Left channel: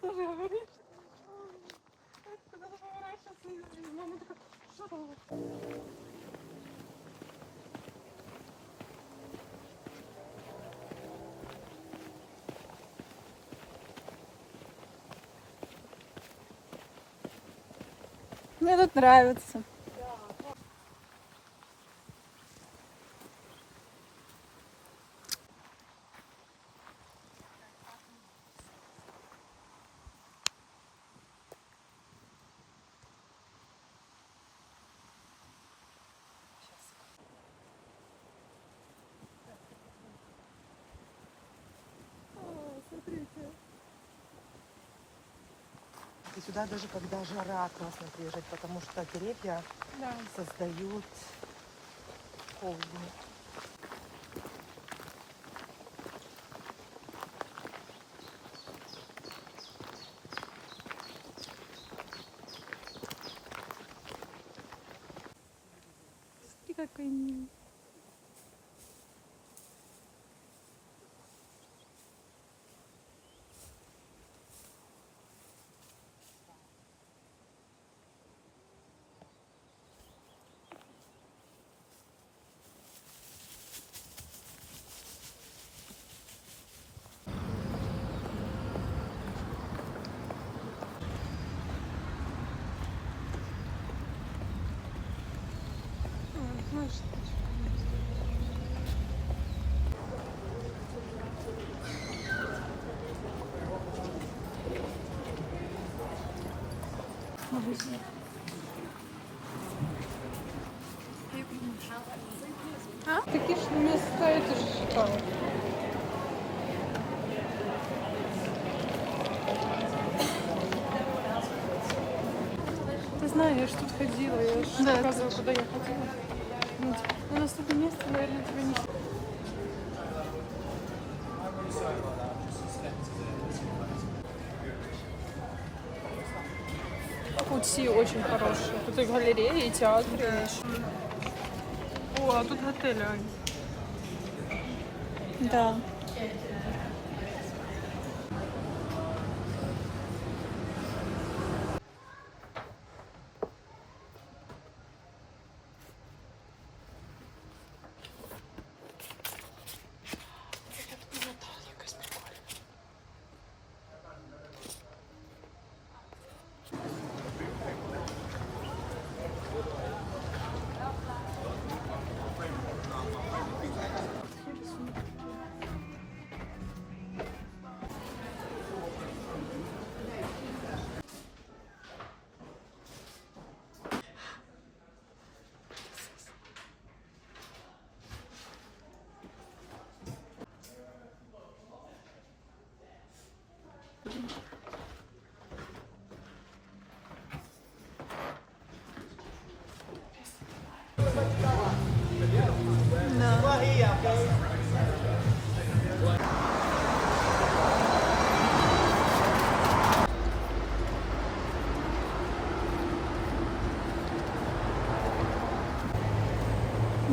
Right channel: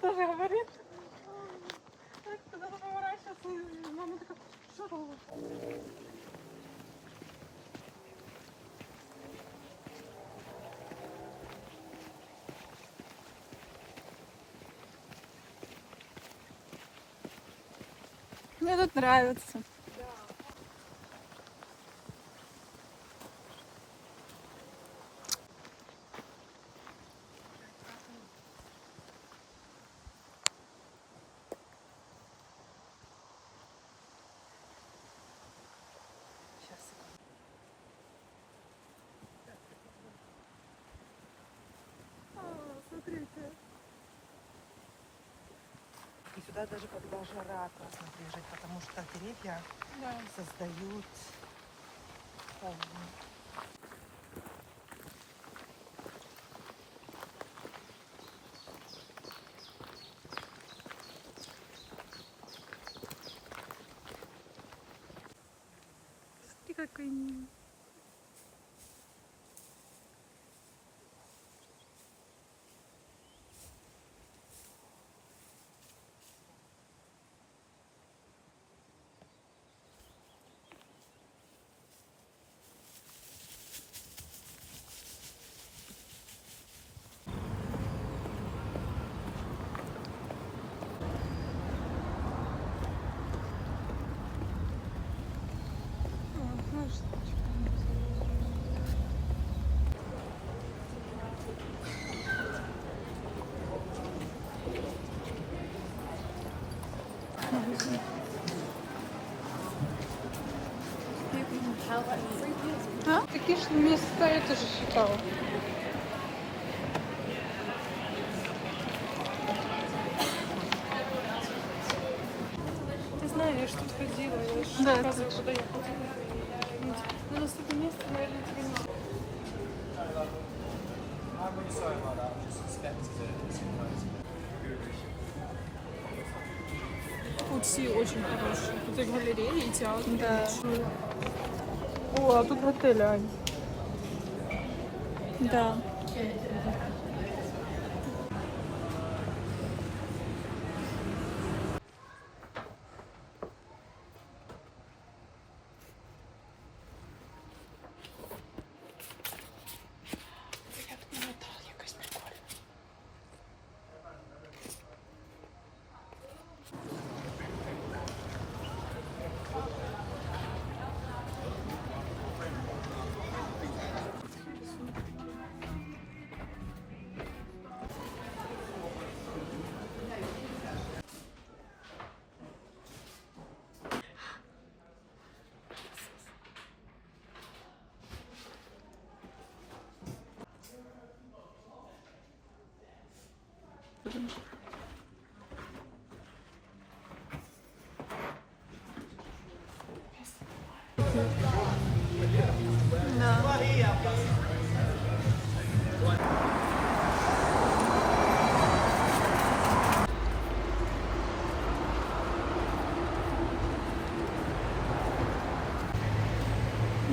Тоже говорит. Так, когда она поворачивается, мама такая, что там? Мне тут нравится. Смотрите. И сюда даже когда жара классно приезжать, потому что деревья создают холодно. Смотри, какой милый. А? Такі ж міста, это ж что? Ты знаешь, я ж тут ходила, я ж Да, показывала, куда я ходила. Ну, типа, на наступном месте, наверное, тебе не... Тут все очень хорошие. Тут и галереи, и театры. Да. О, а тут отель, Ань. Да. Да.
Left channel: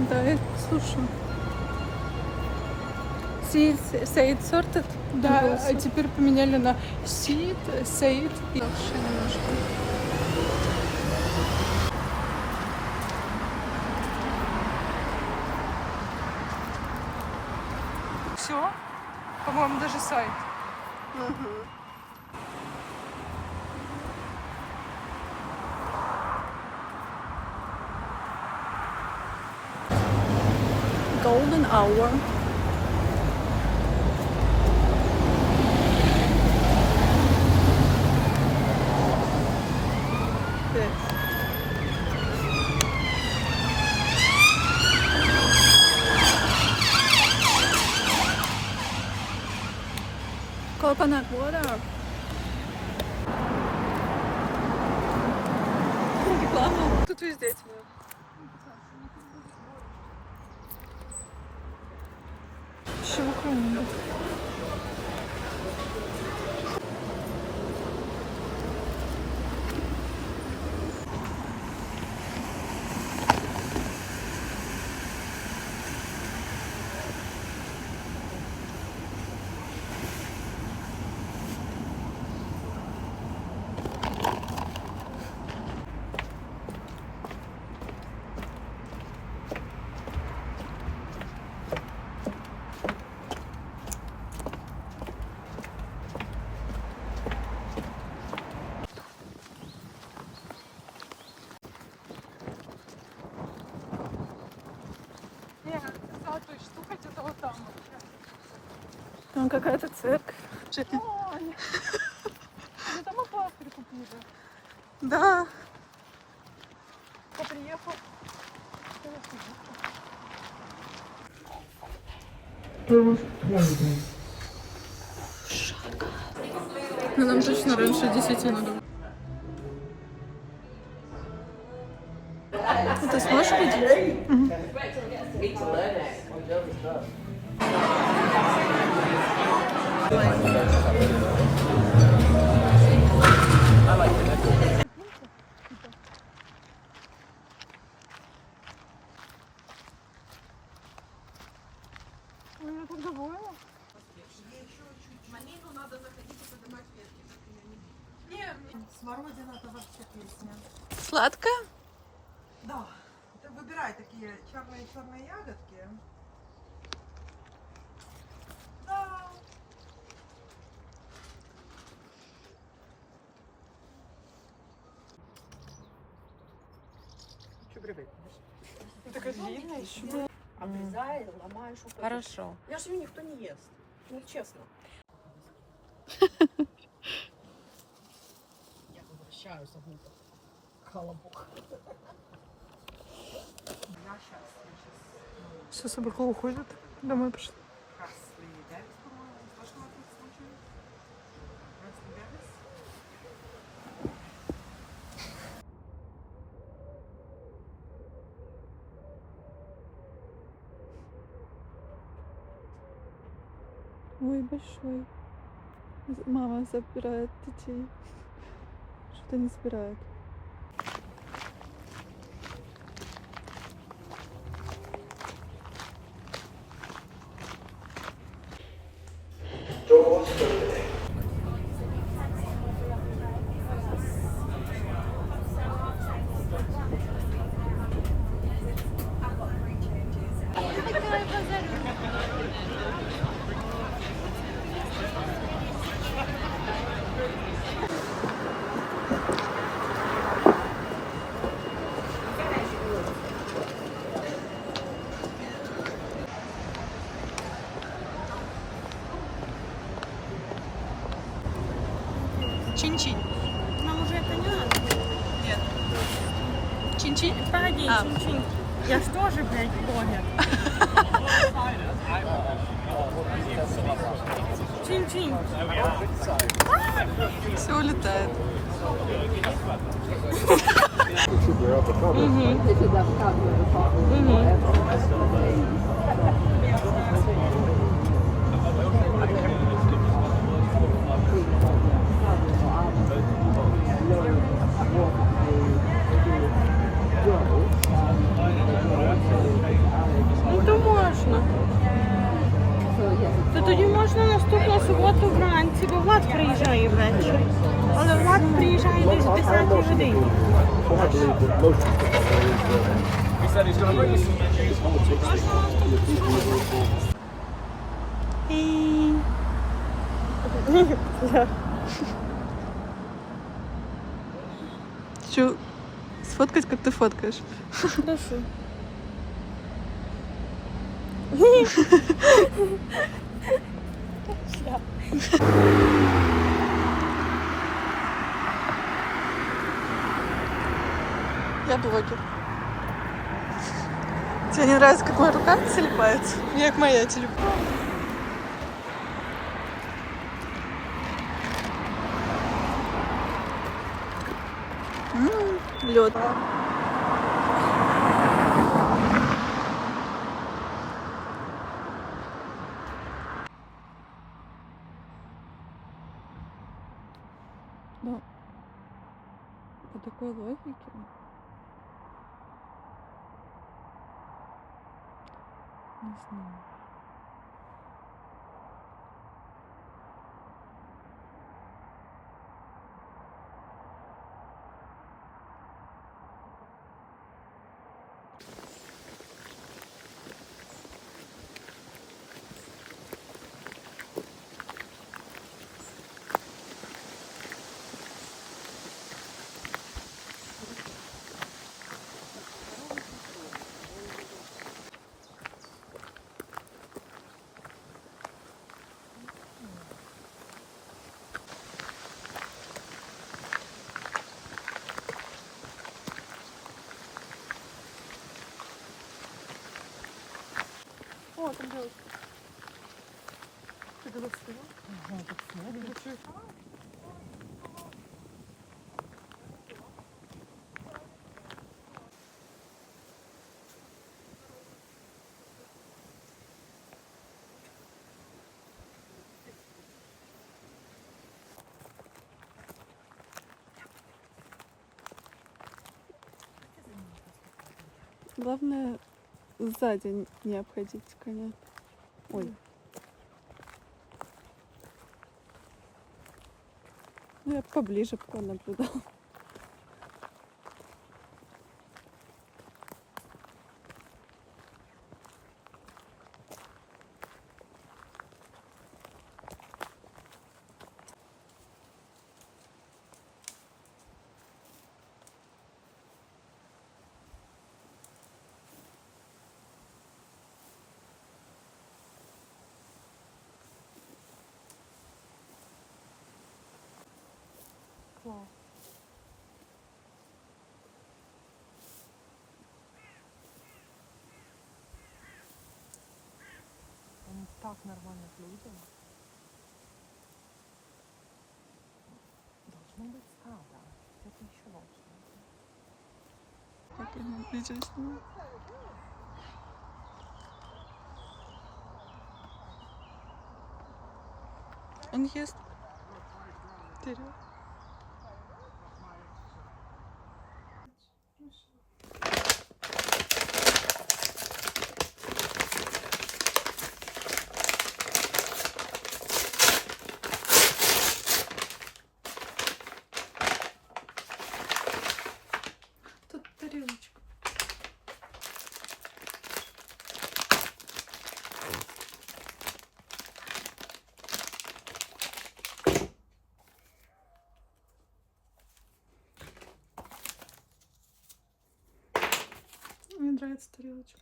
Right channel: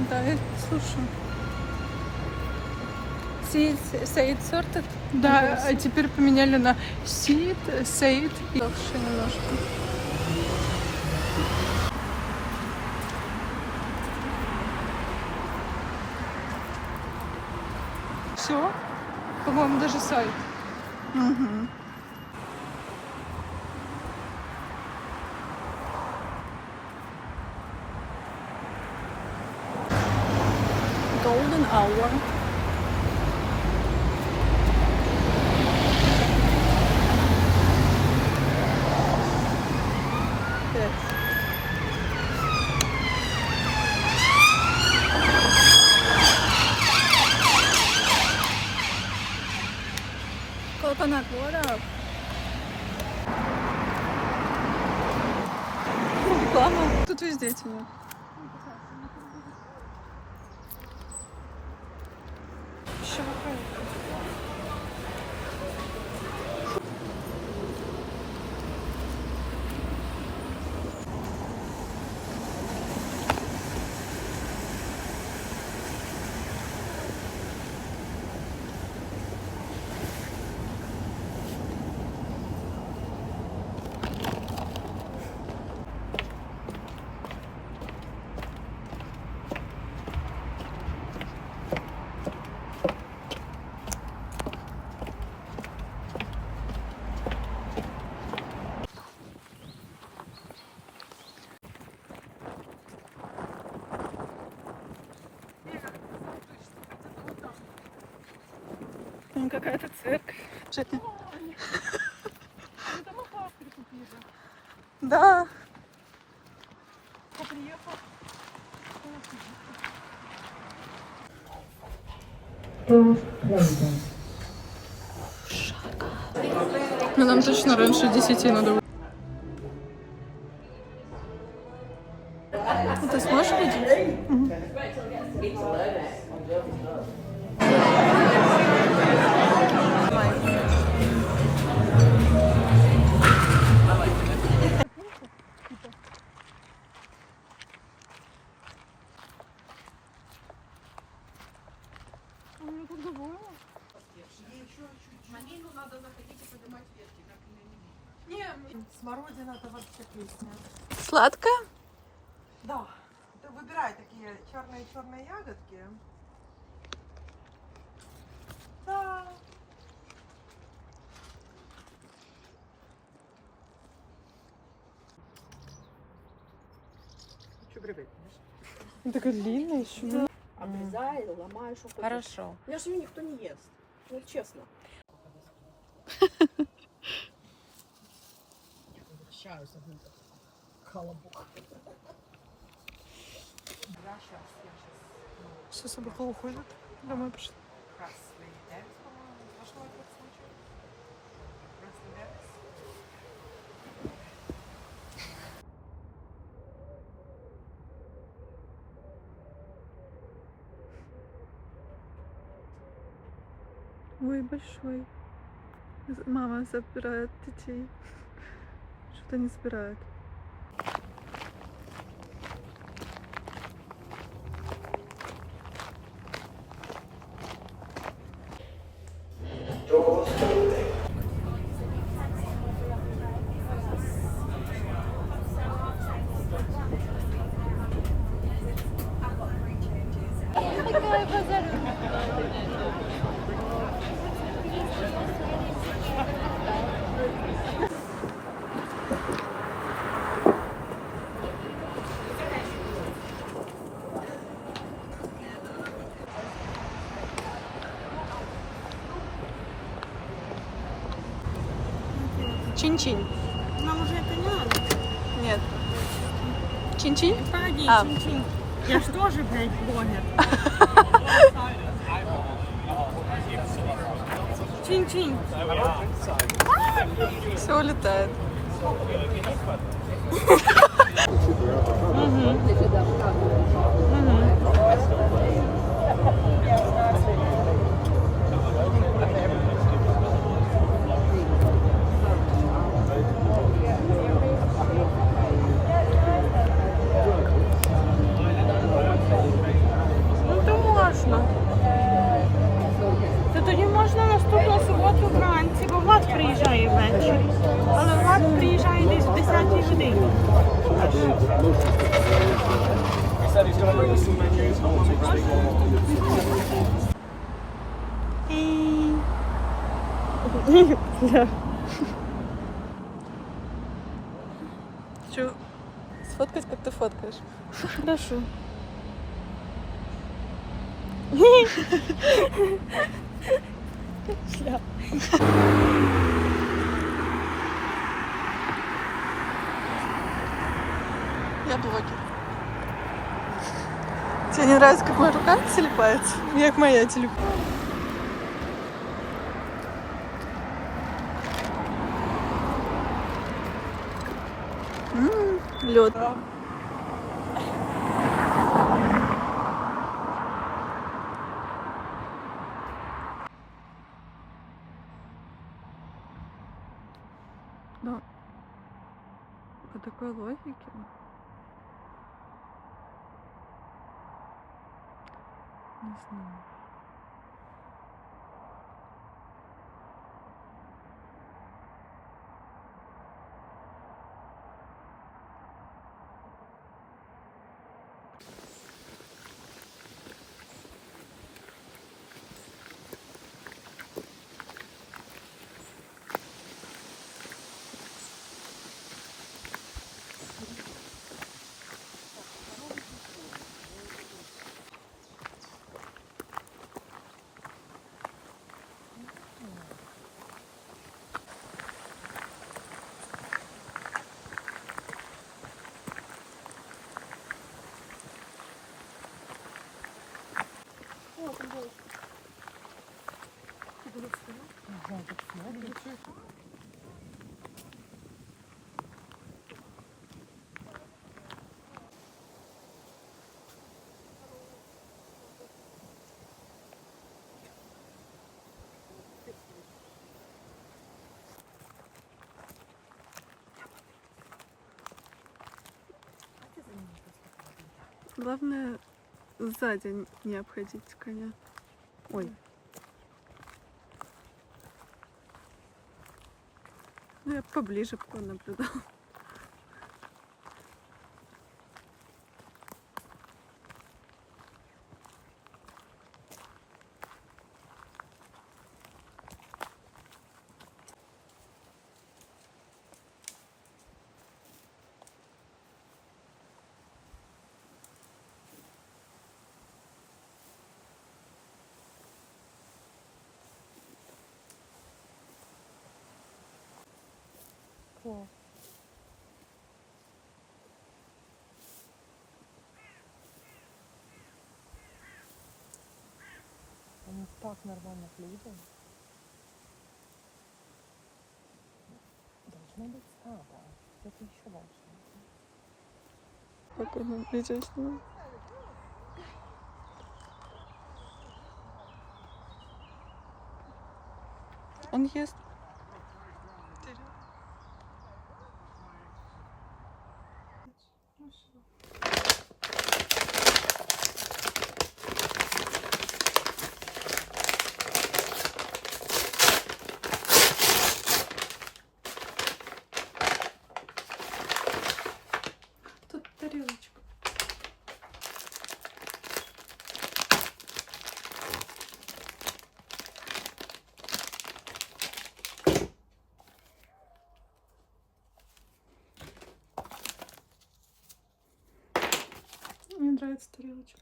Да, я слушаю. Сейд сортед? Да, а теперь поменяли на Сид, Сейд. Легче немножко. Все. По-моему, даже сайт. Ага. Golden hour. Evet. Coconut water. Реклама. Тут везде темно. Щелкунь. Там какая-то церковь. Это мы пластырь купили. Да. Я приехал. Но нам точно раньше 10 надо. Ты сможешь ходить? Я так довольна. Смородина это вообще песня. Сладкая? Да. Ты выбирай такие черные ягодки. Да. Что грибы? Такая длинная еще. Обрезай, ломаешь. Вот это. Хорошо. У меня же ее никто не ест. Ну, честно. Я возвращаюсь, одну-то. Колобок. Да, сейчас. Все, собака уходит. Домой пошла. Красный перец, по-моему. Слышала этот случай? Красный перец. Ой, большой. Мама забирает детей. Что-то не собирает. Чин-чин. Нам уже это не надо. Нет. Чин-чин? Погоди, А. чин-чин. Я ж тоже, блядь, блогер. Чин-чин. Все улетает. Ну то можна. То тоді можна наступну суботу вранці, бо Влад приїжджає ввечері. Але Влад приїжджає десь в 10 годині. Хочу сфоткать, как ты фоткаешь. Хорошо. Я блогер. Тебе не нравится, как моя рука слипается? Як моя телефон. Лед. Но по такой логике не знаю. там делать? Ты туда встала? Ага, так смотрит. Главное, сзади не обходить коня. Ой. Ну, я поближе понаблюдал. Они так нормально едут. Должно быть стадо. Это еще дальше. Спокойно, видео снимаю. Он ест. Тут тарелочка. Мне нравится тарелочка.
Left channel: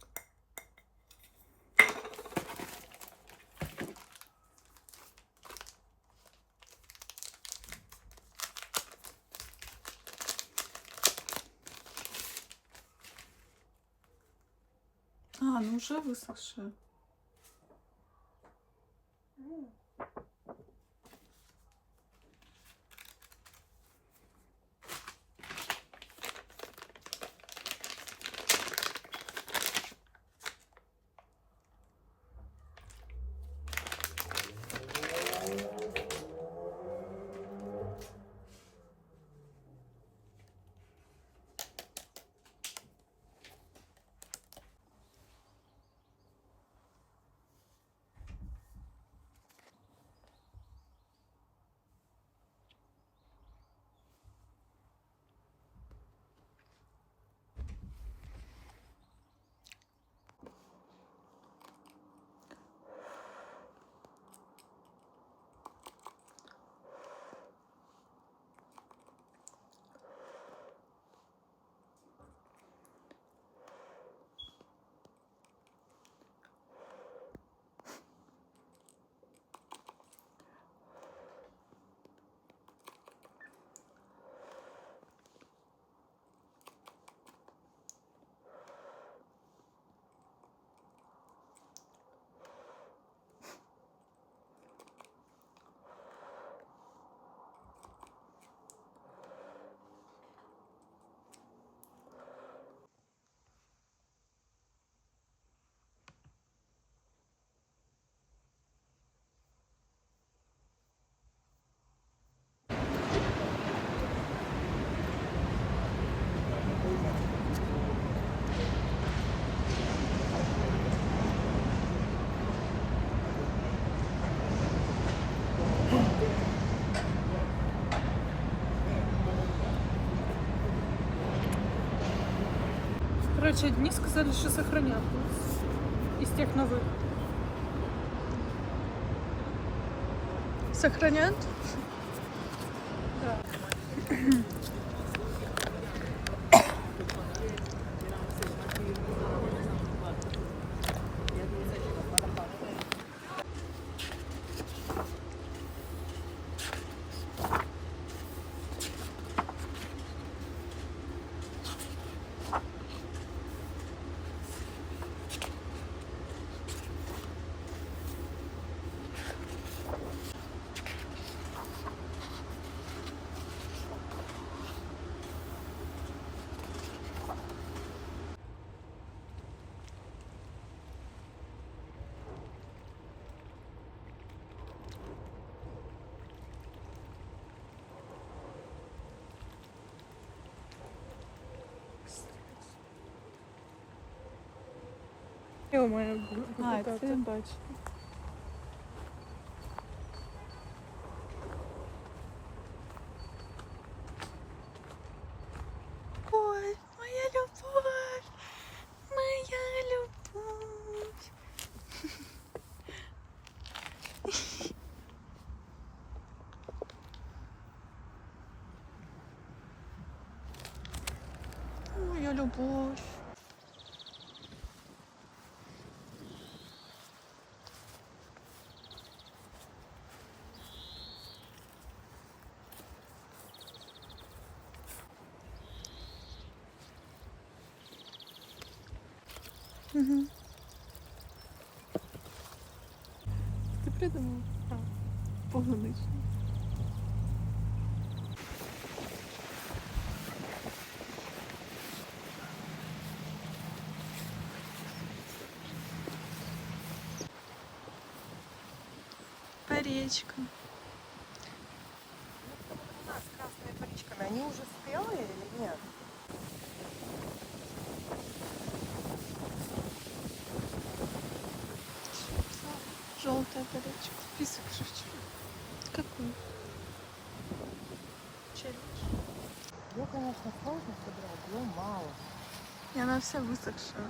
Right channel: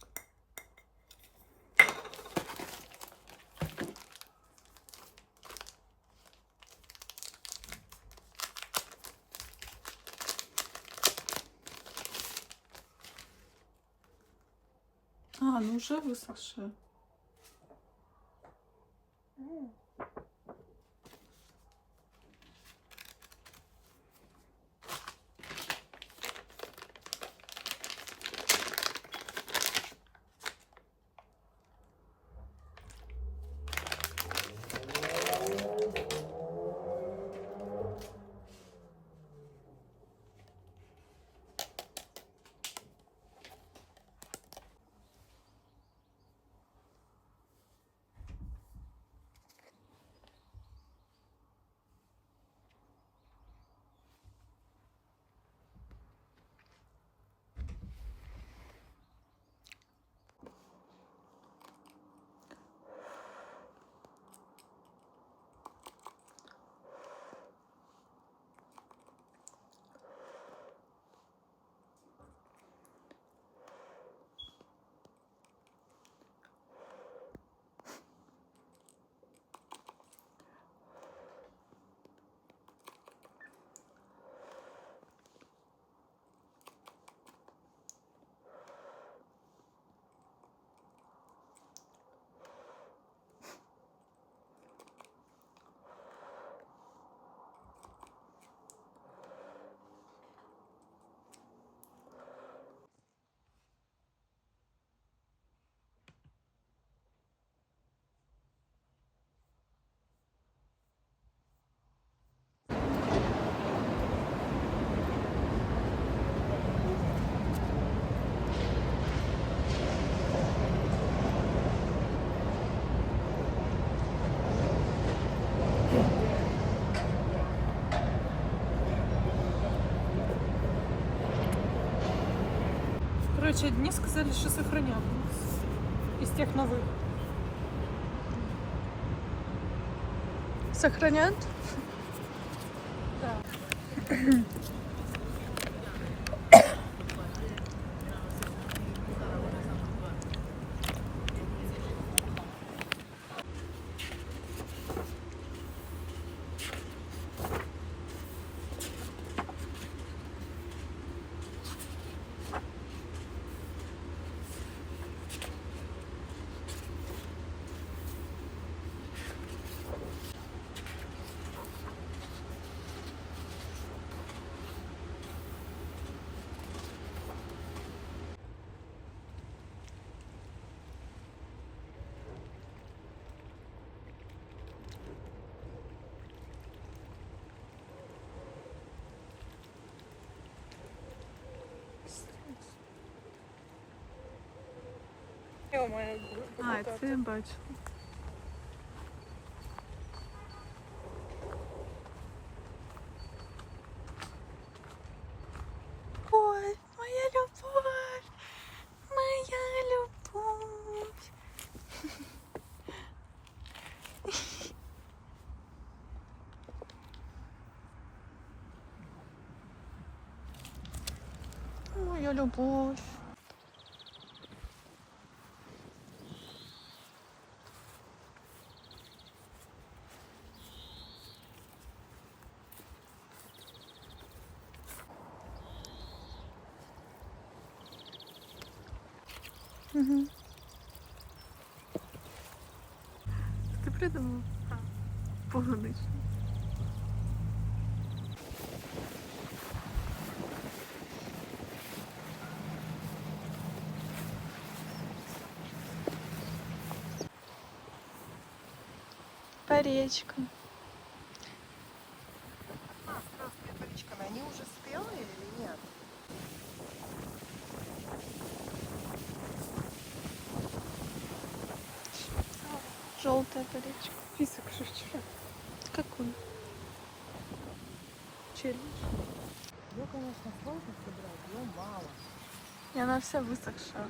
А, ну уже высохшая. Короче, одни сказали, что сохранят из тех новых. Сохранят? Да. Ё-моё. А, це я бачу. Ой, моя любовь, моя любовь. Моя любовь. Угу. Ти придумав? Полуничний. Паречка. А, с красными коричками. Они уже спелые или нет? Желтая паречка. Список шучу. Какой? Челлендж. Ее, конечно, сложно собирать, но мало. И она вся высохшая.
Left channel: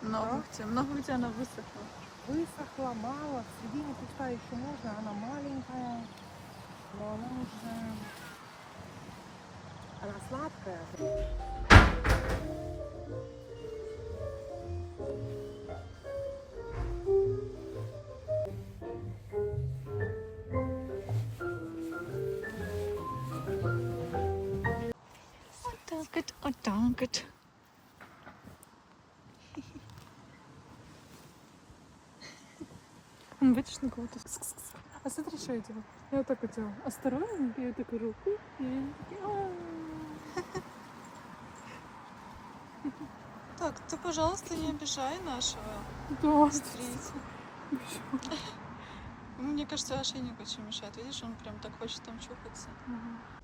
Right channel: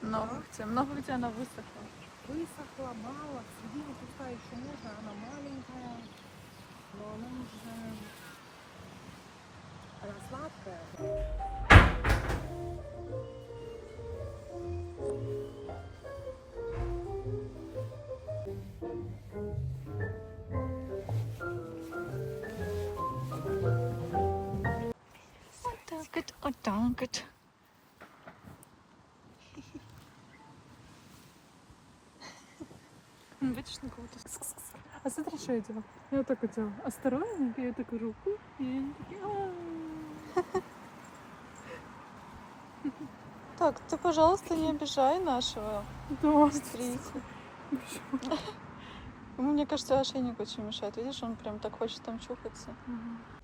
Много где. Много где она высохла. Высохла, мало. В середине пустая еще можно. Она маленькая. Но она уже... Она сладкая. Вот так вот, вот так вот. Он видишь на кого-то. А смотри, что я делаю. Я так вот делаю. Осторожно, я такую руку. И они такие... «А-а-а». Так, ты, пожалуйста, не обижай нашего Да. смотрите. Мне кажется, ошейник очень мешает. Видишь, он прям так хочет там чухаться. Ага.